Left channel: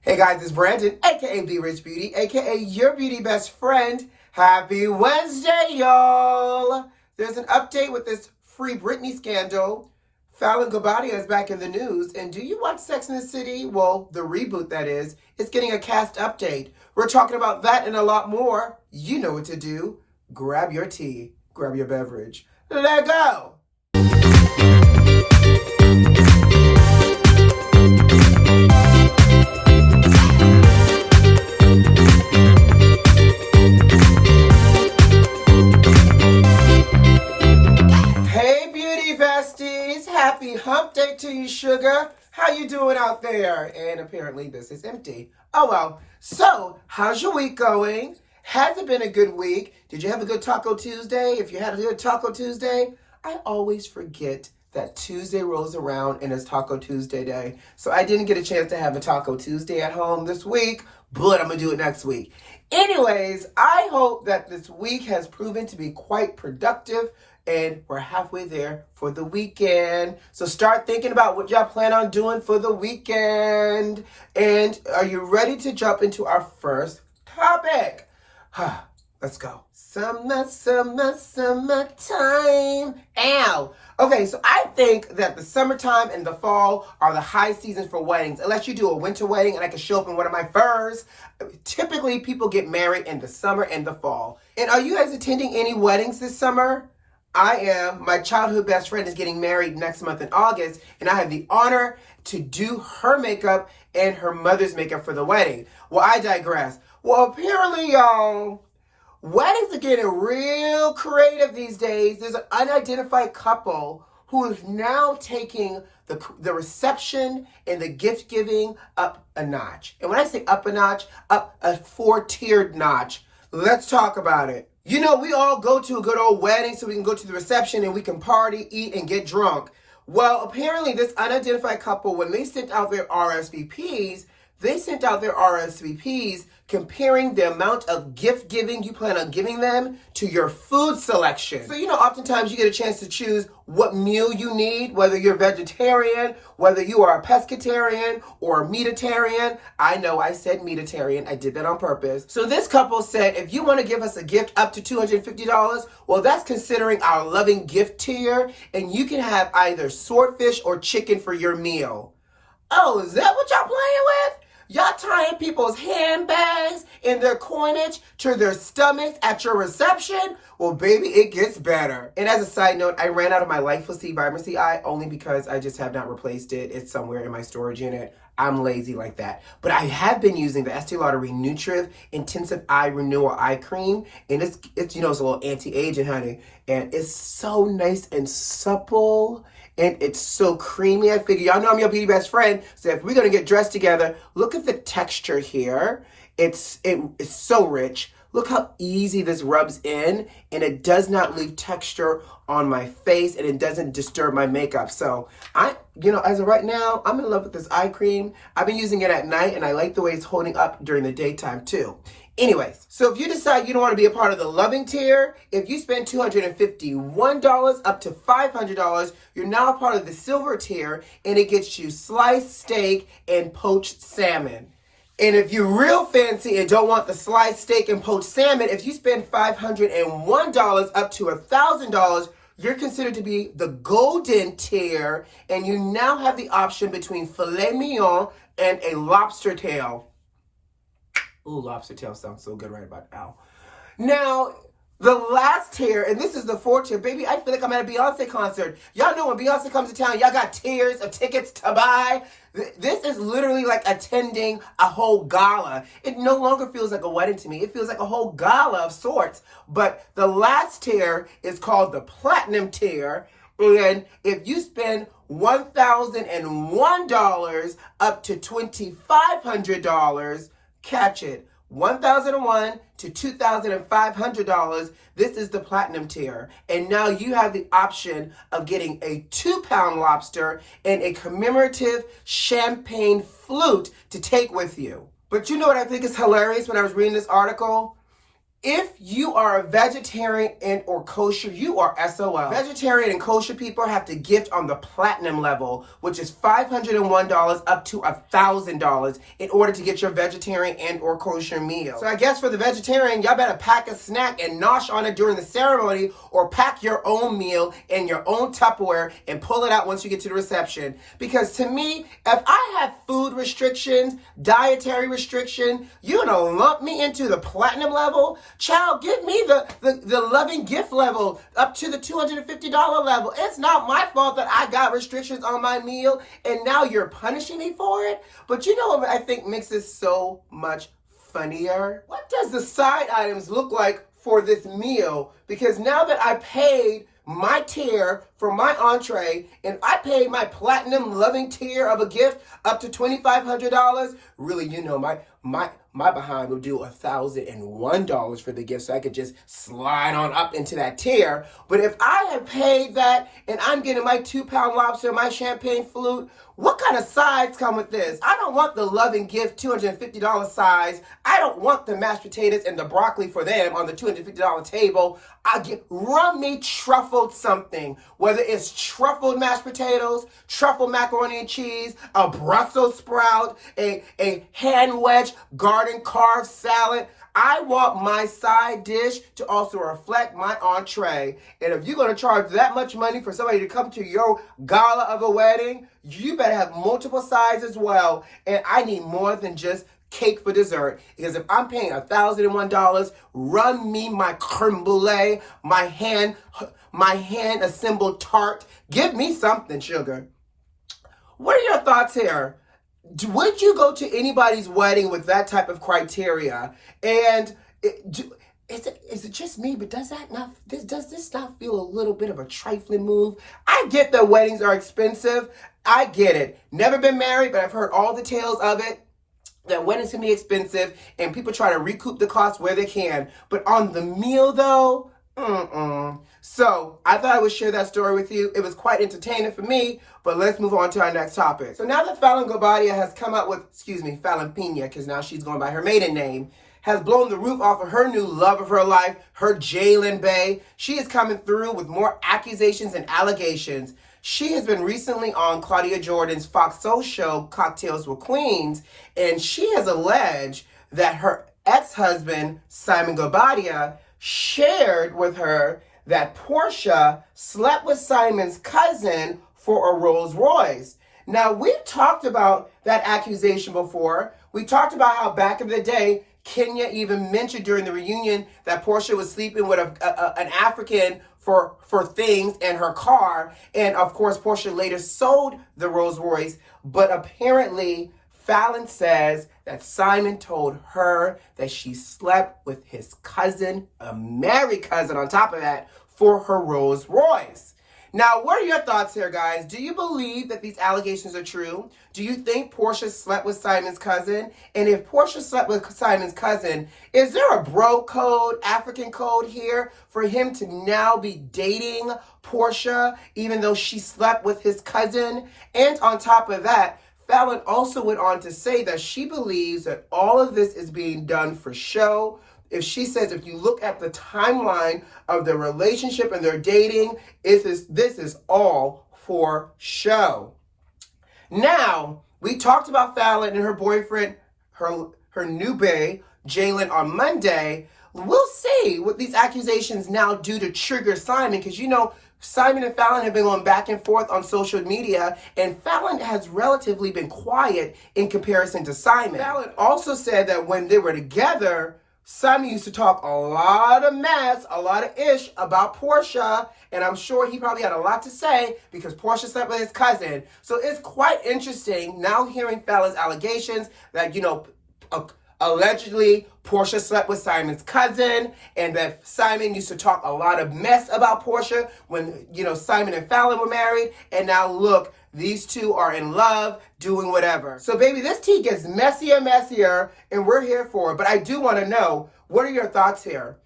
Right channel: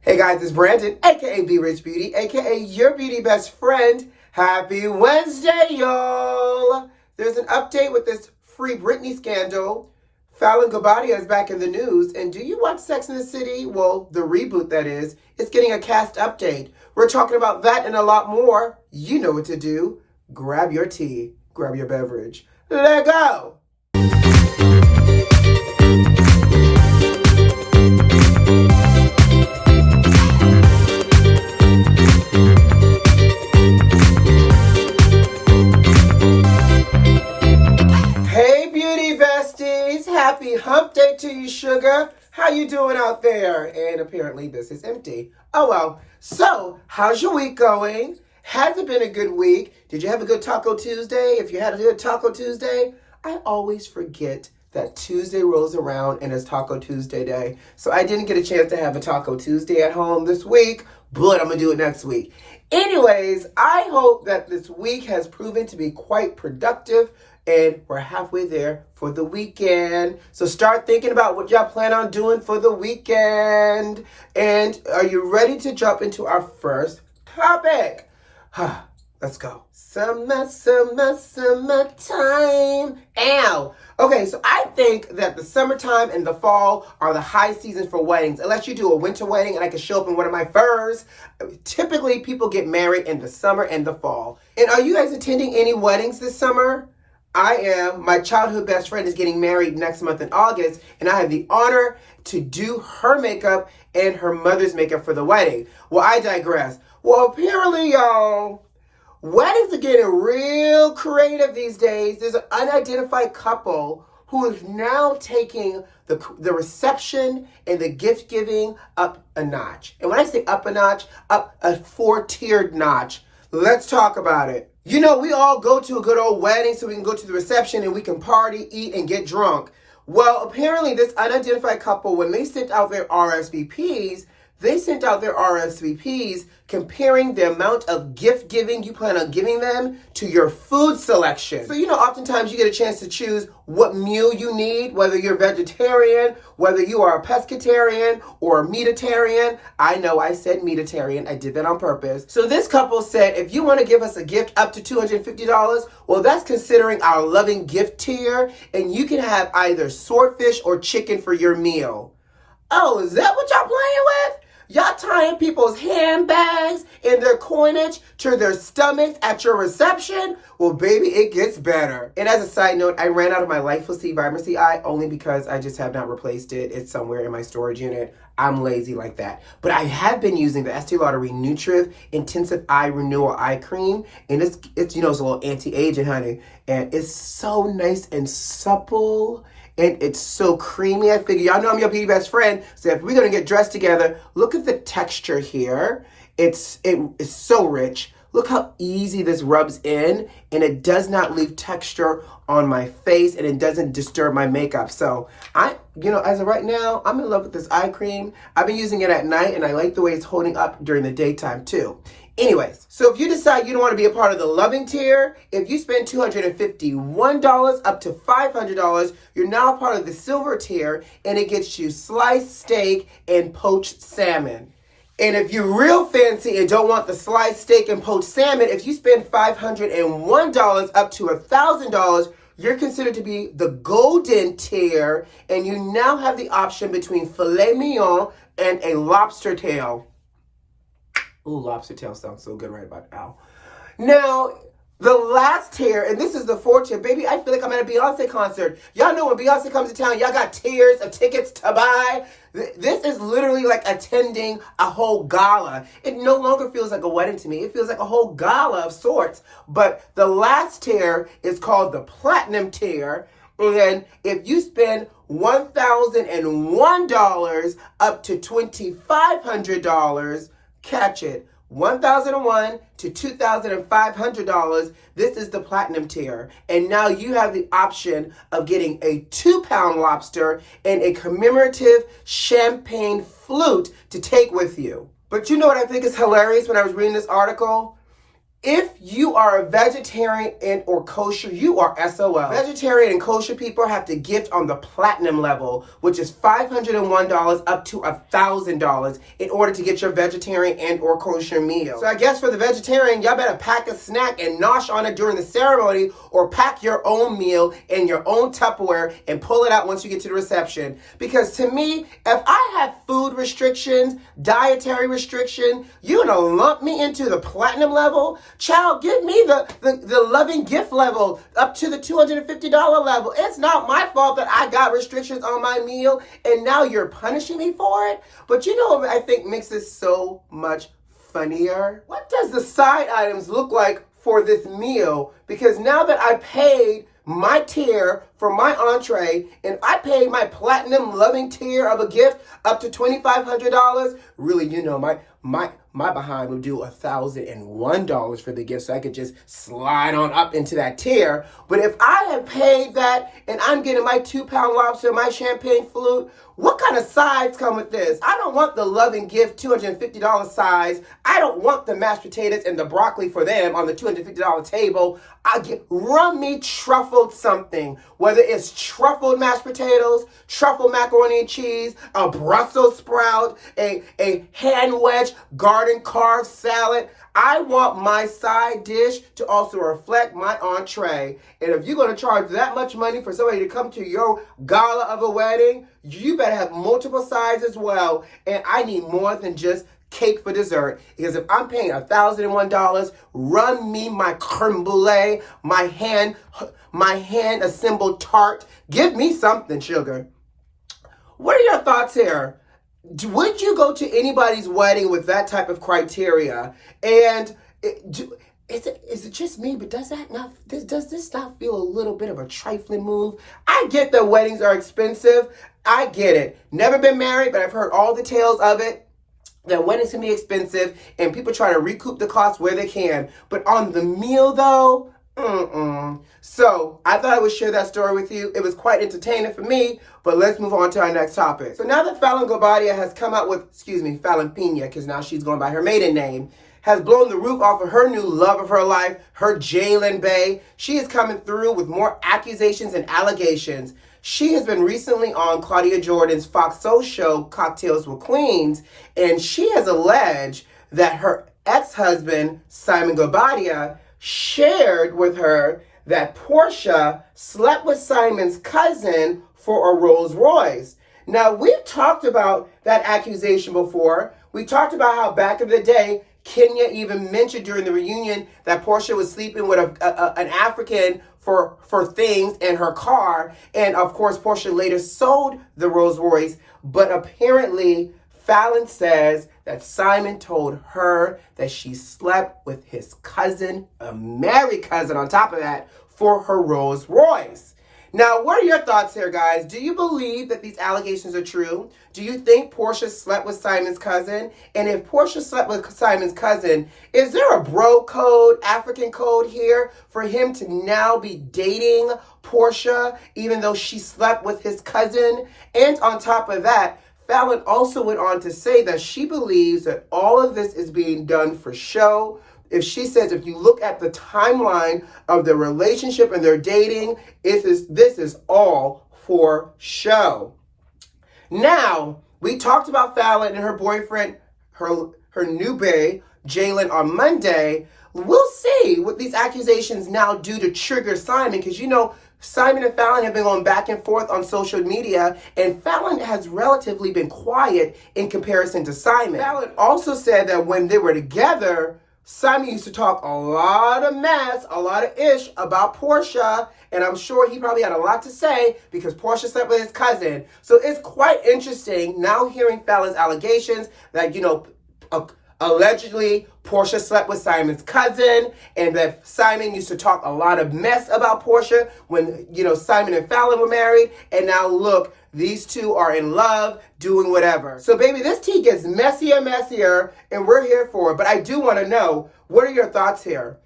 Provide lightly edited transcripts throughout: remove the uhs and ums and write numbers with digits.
Hey guys, it's Brandon, aka B.Rich Beauty, aka your beauty best friend. Happy Wednesday, y'all! There's an update with this free Britney scandal. FALYNN is back in the news, and do you watch Sex and the City? Well, the reboot, that is. It's getting a cast update. We're talking about that and a lot more. You know what to do. Grab your tea, grab your beverage. Let go! Happy hump day to you, sugar. How you doing out there? And apparently this is empty. Oh well. So, how's your week going? Has it been a good week? Did you have a good Taco Tuesday? If you had a good Taco Tuesday, I always forget that Tuesday rolls around and it's Taco Tuesday day. So I didn't get a chance to have a Taco Tuesday at home this week, but I'm going to do it next week. Anyways, I hope that this week has proven to be quite productive. And we're halfway there for the weekend. So start thinking about what y'all plan on doing for the weekend. And are you ready to jump into our first topic? Let's go. Summer, summer, summertime. Ow. Okay, so I think that the summertime and the fall are the high seasons for weddings. Unless you do a winter wedding and I can show up in one of my furs. Typically, people get married in the summer and the fall. And are you guys attending any weddings this summer? I am. My childhood best friend is getting married next month in August, and I have the honor to do her makeup and her mother's makeup for the wedding. Well, I digress. Well, apparently, y'all, weddings are getting real creative these days. There's an unidentified couple who is now taking the reception and the gift giving up a notch. And when I say up a notch, up a 4-tiered notch. Let's talk about it. You know, we all go to a good old wedding so we can go to the reception and we can party, eat, and get drunk. Well, apparently this unidentified couple, when they sent out their RSVPs, comparing the amount of gift giving you plan on giving them to your food selection. So, you know, oftentimes you get a chance to choose what meal you need, whether you're vegetarian, whether you are a pescatarian or a meatitarian. I know I said meatitarian. I did that on purpose. So this couple said, if you want to give us a gift up to $250, well, that's considering our loving gift tier, and you can have either swordfish or chicken for your meal. Oh, is that what y'all playing with? Y'all tying people's handbags and their coinage to their stomachs at your reception? Well, baby, it gets better. And as a side note, I ran out of my Lightful C Vibrancy Eye only because I just have not replaced it. It's somewhere in my storage unit. I'm lazy like that. But I have been using the Estee Lauder Renutriv Intensive Eye Renewal Eye Cream. And it's you know, it's a little anti-aging, honey. And it's so nice and supple. And it's so creamy. I figure, y'all know I'm your beauty best friend. So if we're going to get dressed together, look at the texture here. It's so rich. Look how easy this rubs in. And it does not leave texture on my face. And it doesn't disturb my makeup. So as of right now, I'm in love with this eye cream. I've been using it at night. And I like the way it's holding up during the daytime too. Anyways, so if you decide you don't want to be a part of the loving tier, if you spend $251 up to $500, you're now a part of the silver tier, and it gets you sliced steak and poached salmon. And if you're real fancy and don't want the sliced steak and poached salmon, if you spend $501 up to $1,000, you're considered to be the golden tier, and you now have the option between filet mignon and a lobster tail. Ooh, lobster tail sounds so good right about now. Now, the last tier, and this is the 4th tier. Baby, I feel like I'm at a Beyonce concert. Y'all know when Beyonce comes to town, y'all got tiers of tickets to buy. This is literally like attending a whole gala. It no longer feels like a wedding to me. It feels like a whole gala of sorts. But the last tier is called the platinum tier. And if you spend $1,001 up to $2,500, catch it, $1,001 to $2,500, this is the platinum tier. And now you have the option of getting a 2-pound lobster and a commemorative champagne flute to take with you. But you know what I think is hilarious when I was reading this article? If you are a vegetarian and or kosher, you are SOL. Vegetarian and kosher people have to gift on the platinum level, which is $501 up to $1,000 in order to get your vegetarian and or kosher meal. So I guess for the vegetarian, y'all better pack a snack and nosh on it during the ceremony, or pack your own meal in your own Tupperware and pull it out once you get to the reception. Because to me, if I have food restrictions, dietary restriction, you're gonna lump me into the platinum level? Child, give me the loving gift level up to the $250 level. It's not my fault that I got restrictions on my meal and now you're punishing me for it. But you know what I think makes this so much funnier? What does the side items look like for this meal? Because now that I paid my tier for my entree, and if I paid my platinum loving tier of a gift up to $2,500, really, you know, my behind would do $1,001 for the gift, so I could just slide on up into that tier. But if I have paid that and I'm getting my 2-pound lobster, my champagne flute, what kind of sides come with this? I don't want the loving gift $250 size. I don't want the mashed potatoes and the broccoli for them on the $250 table. Run me truffled something, whether it's truffled mashed potatoes, truffled macaroni and cheese, a Brussels sprout, a hand wedge garden carved salad. I want my side dish to also reflect my entree. And if you're going to charge that much money for somebody to come to your gala of a wedding, you better have multiple sides as well. And I need more than just cake for dessert. Because if I'm paying $1,001, run me my creme brulee, my hand assembled tart. Give me something, sugar. What are your thoughts here? Would you go to anybody's wedding with that type of criteria? And is it just me, but does this not feel a little bit of a trifling move? I get that weddings are expensive. I get it. Never been married, but I've heard all the tales of it. That weddings can be expensive, and people try to recoup the cost where they can. But on the meal, though, So I thought I would share that story with you. It was quite entertaining for me, but let's move on to our next topic. So now that FALYNN has come out with, FALYNN Pena, because now she's going by her maiden name, has blown the roof off of her new love of her life, her Jalen Bay. She is coming through with more accusations and allegations. She has been recently on Claudia Jordan's Fox Soul show, Cocktails with Queens, and she has alleged that her ex-husband, Simon Guobadia, shared with her that Porsha slept with Simon's cousin for a Rolls Royce. Now, we've talked about that accusation before. We talked about how back in the day, Kenya even mentioned during the reunion that Porsha was sleeping with an African for things in her car. And of course, Porsha later sold the Rolls Royce. But apparently, FALYNN says that Simon told her that she slept with his cousin, a married cousin on top of that, for her Rolls Royce. Now, what are your thoughts here, guys? Do you believe that these allegations are true? Do you think Porsha slept with Simon's cousin? And if Porsha slept with Simon's cousin, is there a bro code, African code here for him to now be dating Porsha, even though she slept with his cousin? And on top of that, FALYNN also went on to say that she believes that all of this is being done for show. If she says, if you look at the timeline of their relationship and their dating, this is all for show. Now, we talked about FALYNN and her boyfriend, her new bae, Jalen, on Monday. We'll see what these accusations now do to trigger Simon, because you know, Simon and FALYNN have been going back and forth on social media, and FALYNN has relatively been quiet in comparison to Simon. FALYNN also said that when they were together, Simon used to talk a lot of mess, a lot of ish about Porsha, and I'm sure he probably had a lot to say because Porsha slept with his cousin. So it's quite interesting now hearing FALYNN's allegations that, you know, allegedly Porsha slept with Simon's cousin, and that Simon used to talk a lot of mess about Porsha when, you know, Simon and FALYNN were married, and now look, these two are in love, doing whatever. So baby, this tea gets messier, and we're here for it. But I do want to know, what are your thoughts here?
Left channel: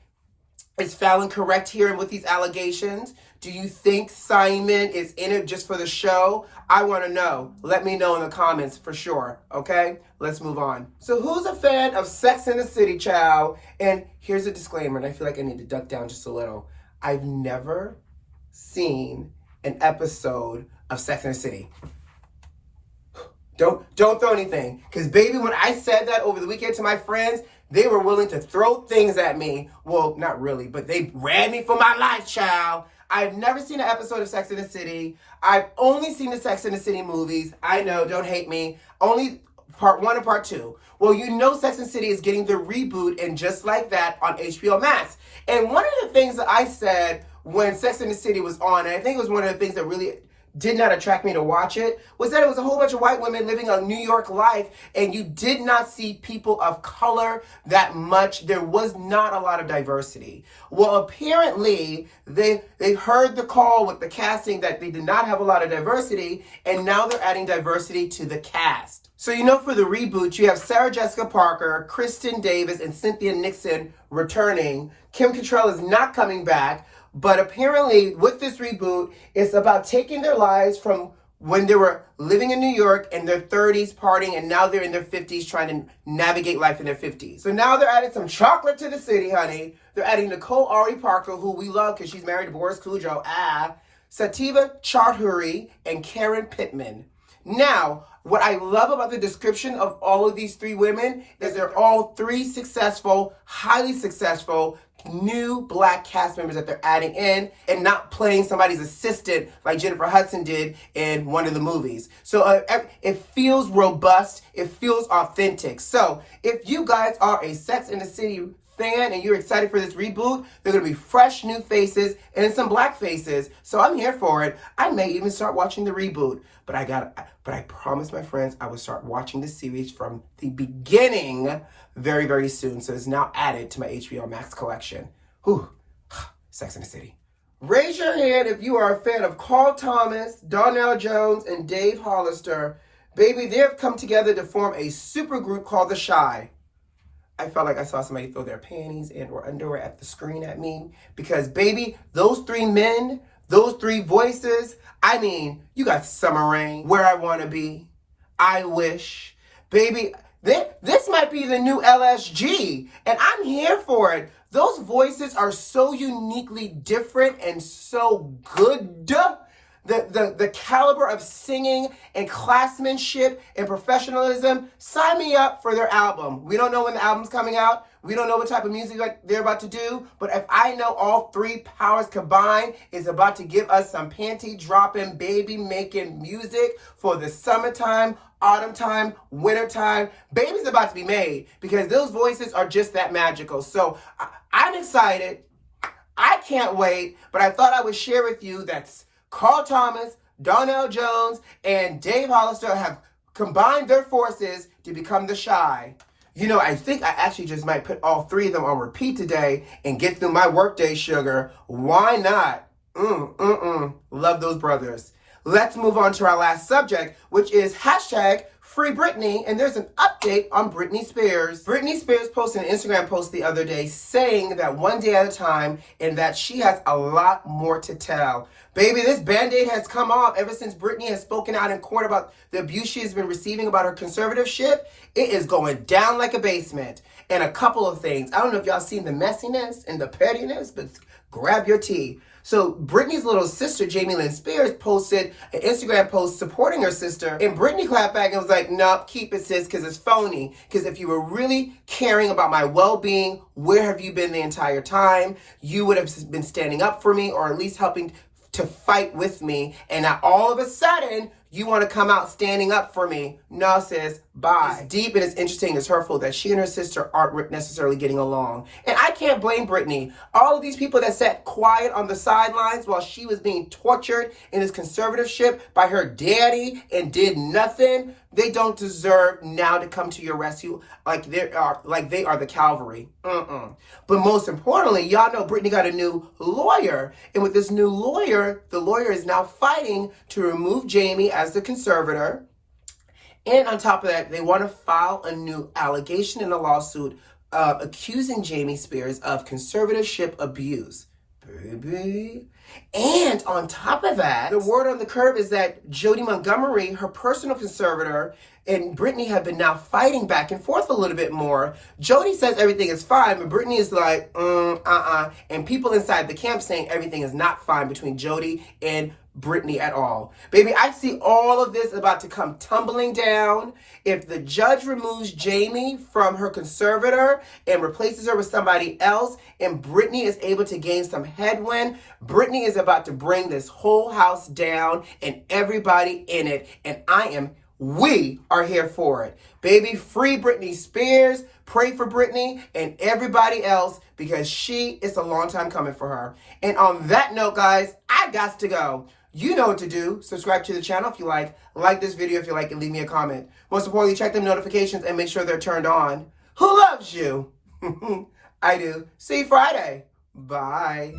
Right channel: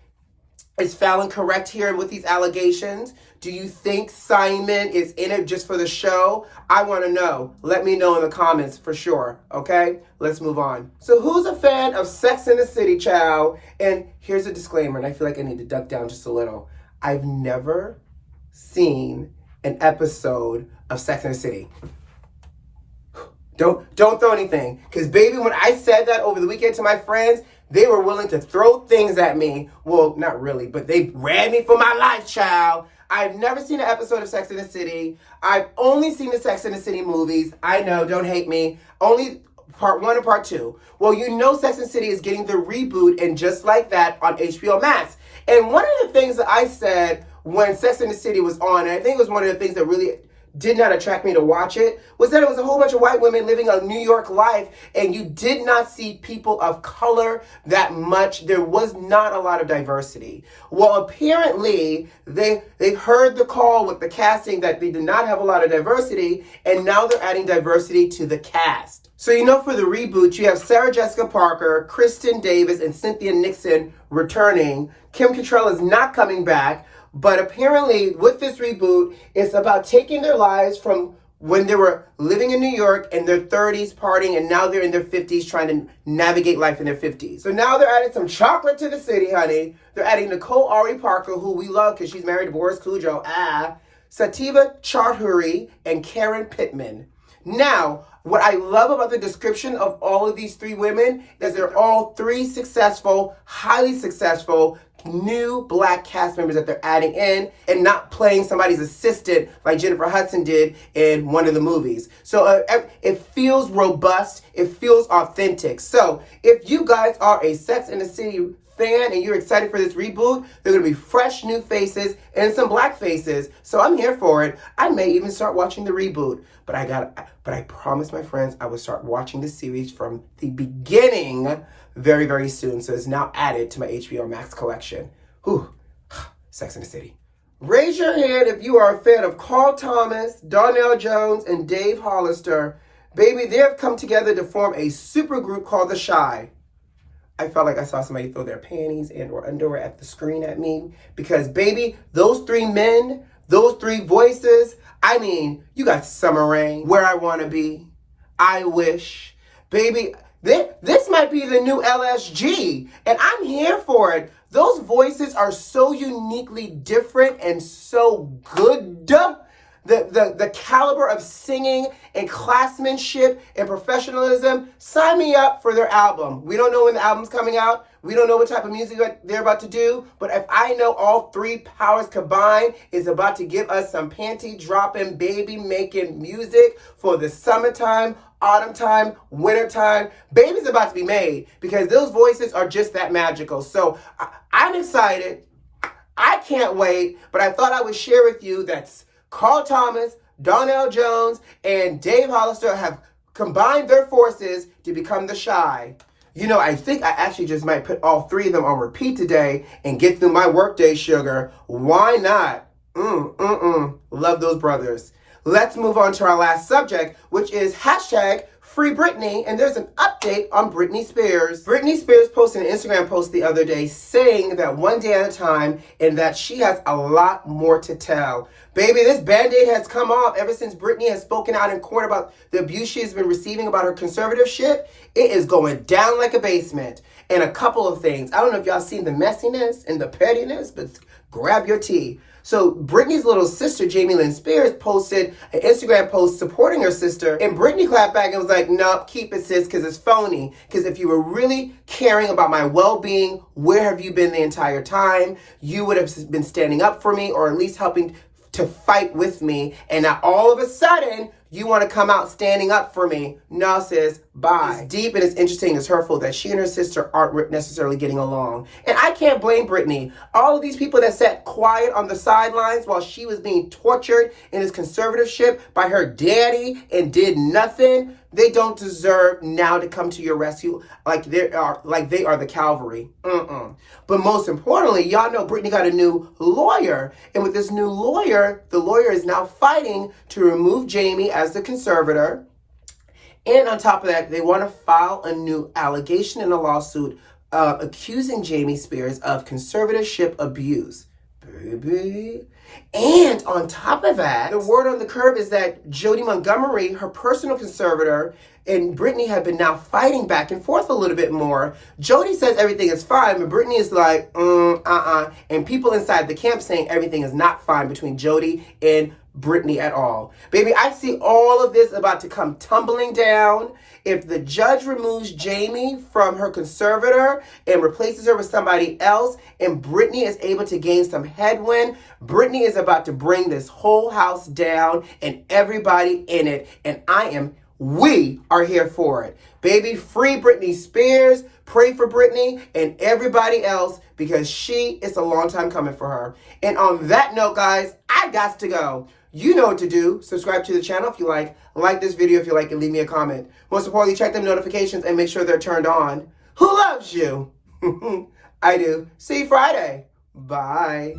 Is FALYNN correct here with these allegations? Do you think Simon is in it just for the show? I want to know. Let me know in the comments for sure, okay? Let's move on. So who's a fan of Sex and the City, child? And here's a disclaimer, and I feel like I need to duck down just a little. I've never seen an episode of Sex and the City. Don't throw anything. Because, baby, when I said that over the weekend to my friends, they were willing to throw things at me. Well, not really, but they ran me for my life, child. I've never seen an episode of Sex and the City. I've only seen the Sex and the City movies. I know, don't hate me. Only part 1 and part 2. Well, you know Sex and the City is getting the reboot, and just like that on HBO Max. And one of the things that I said when Sex and the City was on, and I think it was one of the things that really did not attract me to watch it, was that it was a whole bunch of white women living a New York life, and you did not see people of color that much. There was not a lot of diversity. Well, apparently, they heard the call with the casting that they did not have a lot of diversity, and now they're adding diversity to the cast. So, you know, for the reboot, you have Sarah Jessica Parker, Kristen Davis, and Cynthia Nixon returning. Kim Cattrall is not coming back. But apparently, with this reboot, it's about taking their lives from when they were living in New York in their 30s, partying, and now they're in their 50s trying to navigate life in their 50s. So now they're adding some chocolate to the city, honey. They're adding Nicole Ari Parker, who we love because she's married to Boris Cujo, Sativa Chaudhuri, and Karen Pittman. Now, what I love about the description of all of these 3 women is they're all 3 successful, highly successful, new black cast members that they're adding in and not playing somebody's assistant like Jennifer Hudson did in one of the movies. So it feels robust. It feels authentic. So if you guys are a Sex and the City fan and you're excited for this reboot, they're going to be fresh new faces and some black faces. So I'm here for it. I may even start watching the reboot, but I promised my friends I would start watching the series from the beginning very, very soon. So it's now added to my HBO Max collection. Whew. Sex and the City. Raise your hand if you are a fan of Carl Thomas, Donnell Jones, and Dave Hollister. Baby, they have come together to form a super group called The Shy. I felt like I saw somebody throw their panties and or underwear at the screen at me because, baby, those 3 men, those 3 voices, I mean, you got Summer Rain, Where I Want to Be, I Wish. Baby, this might be the new LSG, and I'm here for it. Those voices are so uniquely different and so good. The caliber of singing and classmanship and professionalism, sign me up for their album. We don't know when the album's coming out. We don't know what type of music they're about to do. But if I know all 3 powers combined is about to give us some panty-dropping, baby-making music for the summertime, autumn time, winter time, baby's about to be made because those voices are just that magical. So I'm excited. I can't wait. But I thought I would share with you that Carl Thomas, Donnell Jones, and Dave Hollister have combined their forces to become The Shy. You know, I think I actually just might put all 3 of them on repeat today and get through my workday, sugar. Why not? Love those brothers. Let's move on to our last subject, which is hashtag Free Britney, and there's an update on Britney Spears. Britney Spears posted an Instagram post the other day saying that one day at a time and that she has a lot more to tell. Baby, this Band-Aid has come off ever since Britney has spoken out in court about the abuse she has been receiving about her conservatorship. It is going down like a basement. And a couple of things. I don't know if y'all seen the messiness and the pettiness, but grab your tea. So Britney's little sister, Jamie Lynn Spears, posted an Instagram post supporting her sister. And Britney clapped back and was like, nope, keep it, sis, because it's phony. Because if you were really caring about my well-being, where have you been the entire time? You would have been standing up for me or at least helping to fight with me. And now all of a sudden, you want to come out standing up for me. No, sis, bye. It's deep and it's interesting, it's hurtful that she and her sister aren't necessarily getting along. And I can't blame Britney. All of these people that sat quiet on the sidelines while she was being tortured in this conservatorship by her daddy and did nothing, they don't deserve now to come to your rescue like they are the cavalry. But most importantly, y'all know Britney got a new lawyer. And with this new lawyer, the lawyer is now fighting to remove Jamie as the conservator. And on top of that, they want to file a new allegation in a lawsuit accusing Jamie Spears of conservatorship abuse. Baby. And on top of that, the word on the curb is that Jody Montgomery, her personal conservator, and Britney have been now fighting back and forth a little bit more. Jody says everything is fine, but Britney is like, and people inside the camp saying everything is not fine between Jody and Britney at all. Baby, I see all of this about to come tumbling down. If the judge removes Jamie from her conservator and replaces her with somebody else, and Britney is able to gain some headwind, Britney is about to bring this whole house down and everybody in it. And we are here for it. Baby, free Britney Spears. Pray for Britney and everybody else because it's a long time coming for her. And on that note, guys, I got to go. You know what to do. Subscribe to the channel if you like this video if you like, and leave me a comment. Most importantly, check them notifications and make sure they're turned on. Who loves you? I do. See you Friday. Bye.